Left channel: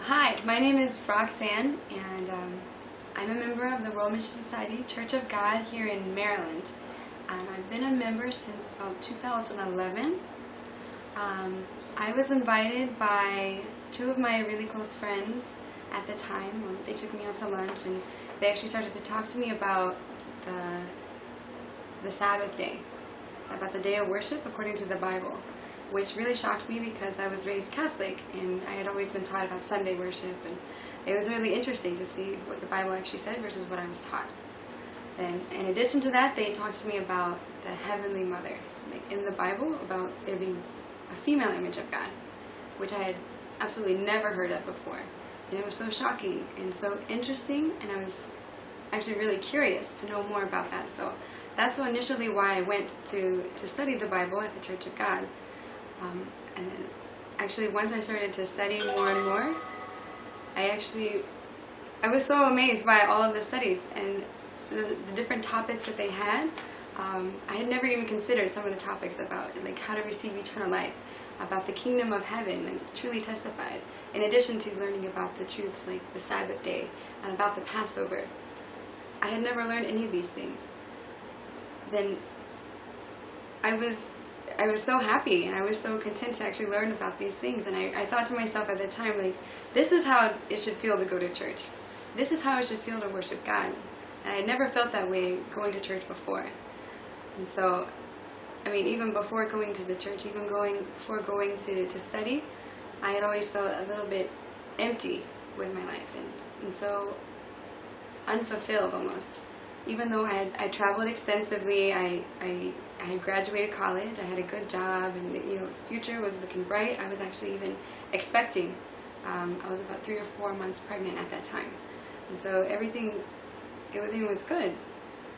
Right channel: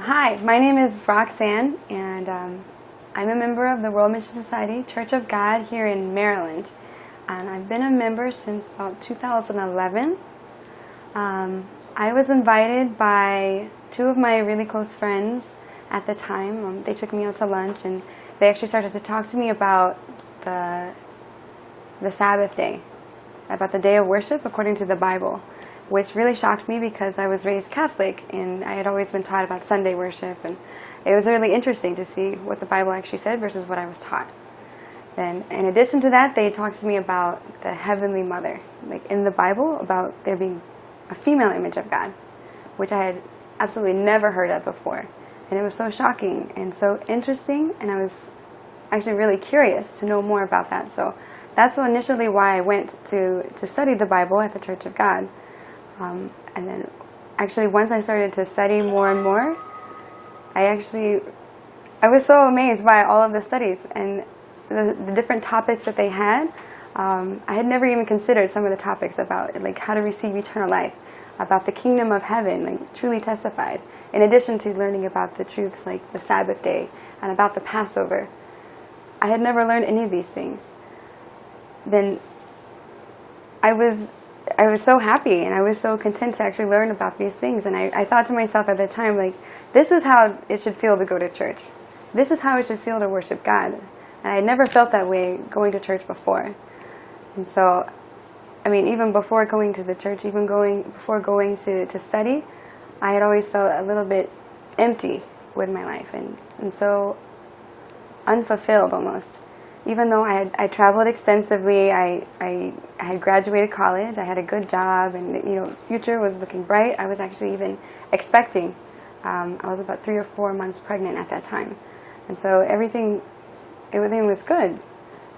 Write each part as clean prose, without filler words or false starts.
Hi, my name is Roxanne, and I'm a member of the World Mission Society Church of God here in Maryland. And I've been a member since about 2011. I was invited by two of my really close friends at the time. They took me out to lunch, and they actually started to talk to me about the Sabbath day, about the day of worship according to the Bible, which really shocked me because I was raised Catholic and I had always been taught about Sunday worship, and it was really interesting to see what the Bible actually said versus what I was taught. Then, in addition to that, they talked to me about the Heavenly Mother, like in the Bible, about there being a female image of God, which I had absolutely never heard of before. And it was so shocking and so interesting, and I was actually really curious to know more about that. So that's initially why I went to study the Bible at the Church of God. And then actually once I started to study more and more, I was so amazed by all of the studies and the different topics that they had. I had never even considered some of the topics about like how to receive eternal life, about the kingdom of heaven, like truly testified, in addition to learning about the truths like the Sabbath day and about the Passover. I had never learned any of these things. Then I was so happy and I was so content to actually learn about these things. And I thought to myself at the time, like, this is how it should feel to go to church. This is how it should feel to worship God. And I had never felt that way going to church before. And so, I mean, even before going to the church, before going to study, I had always felt a little bit empty with my life and so unfulfilled almost. Even though I traveled extensively, I had graduated college, I had a good job, and future was looking bright. I was actually even expecting. I was about 3 or 4 months pregnant at that time, and so everything was good.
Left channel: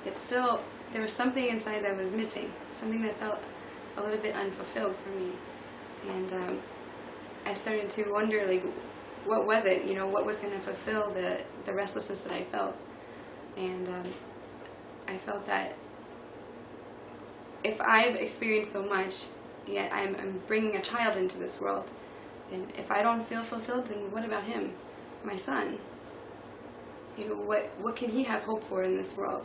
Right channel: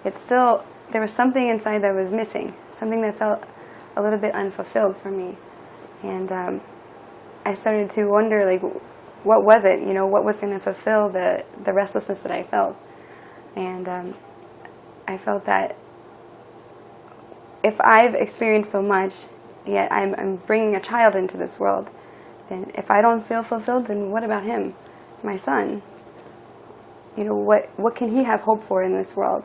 There was something inside that was missing, something that felt a little bit unfulfilled for me, and I started to wonder, like, what was it? What was going to fulfill the restlessness that I felt, and I felt that if I've experienced so much, yet I'm bringing a child into this world, then if I don't feel fulfilled, then what about him, my son? What can he have hope for in this world?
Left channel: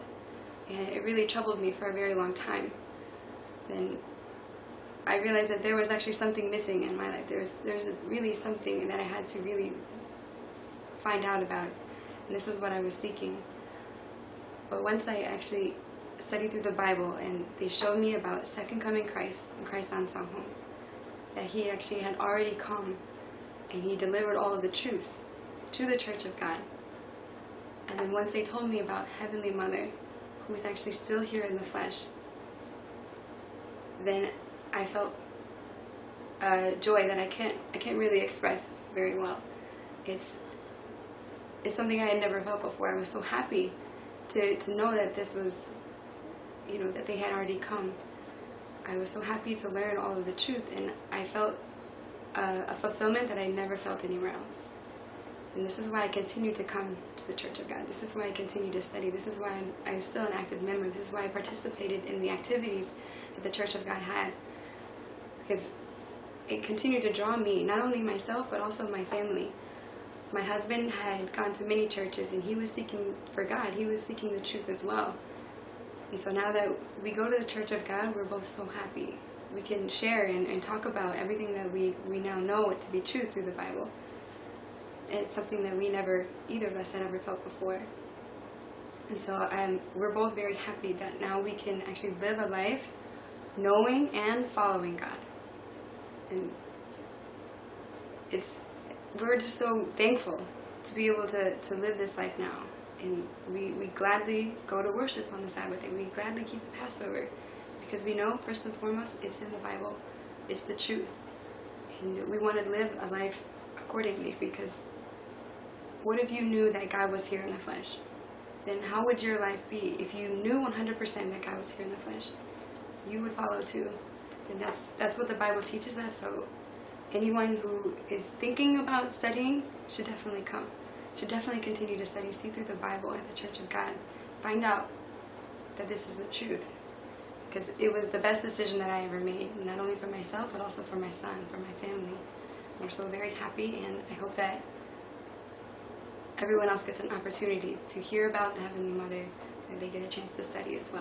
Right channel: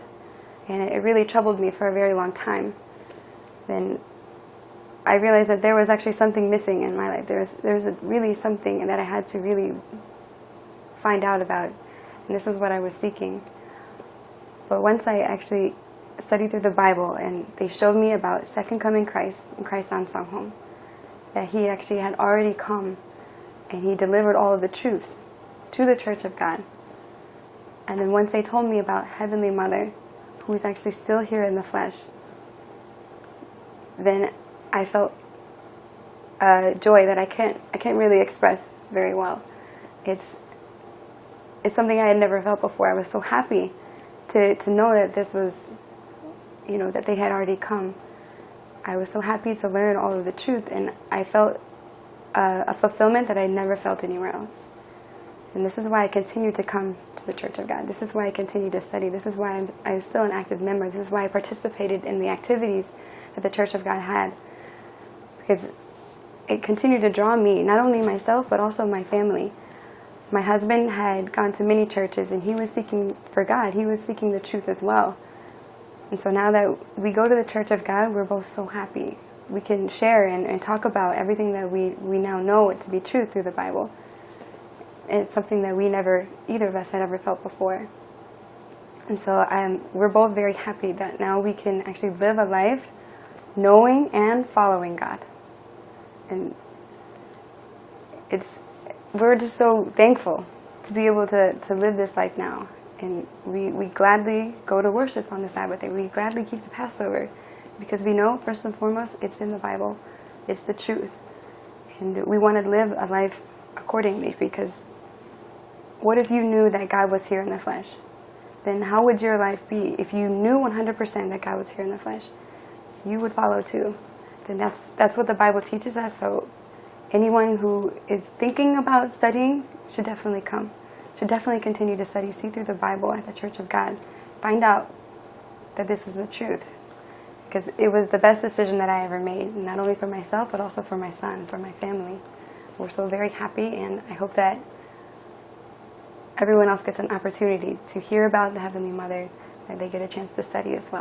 And it really troubled me for a very long time. Then I realized that there was actually something missing in my life. There's really something that I had to really find out about, and this is what I was seeking. But once I actually studied through the Bible and they showed me about second coming Christ and Christ's Ahnsahnghong, that he actually had already come and he delivered all of the truths to the Church of God. And then once they told me about Heavenly Mother, who is actually still here in the flesh, then I felt joy that I can't really express very well. It's something I had never felt before. I was so happy to know that this was, that they had already come. I was so happy to learn all of the truth, and I felt a fulfillment that I never felt anywhere else. And this is why I continue to come to the Church of God. This is why I continue to study. This is why I'm still an active member. This is why I participated in the activities that the Church of God had, because it continued to draw me, not only myself, but also my family. My husband had gone to many churches, and he was seeking for God. He was seeking the truth as well. And so now that we go to the Church of God, we're both so happy. We can share and talk about everything that we now know to be true through the Bible. And it's something that either of us had ever felt before. And so we're both very happy that now we can actually live a life knowing and following God. And we're just so thankful to be able to live this life now. And we gladly go to worship on the Sabbath day. We gladly keep the Passover because we know, first and foremost, it's in the Bible. It's the truth. And we want to live a life accordingly, because what if you knew that God was here in the flesh? Then how would your life be if you knew 100% that God was here in the flesh? You would follow too. Then that's what the Bible teaches us. So anyone who is thinking about studying should definitely come. Should definitely continue to study. See through the Bible at the Church of God. Find out that this is the truth. Because it was the best decision that I ever made. Not only for myself, but also for my son, for my family. We're so very happy, and I hope that everyone else gets an opportunity to hear about the Heavenly Mother, and they get a chance to study as well.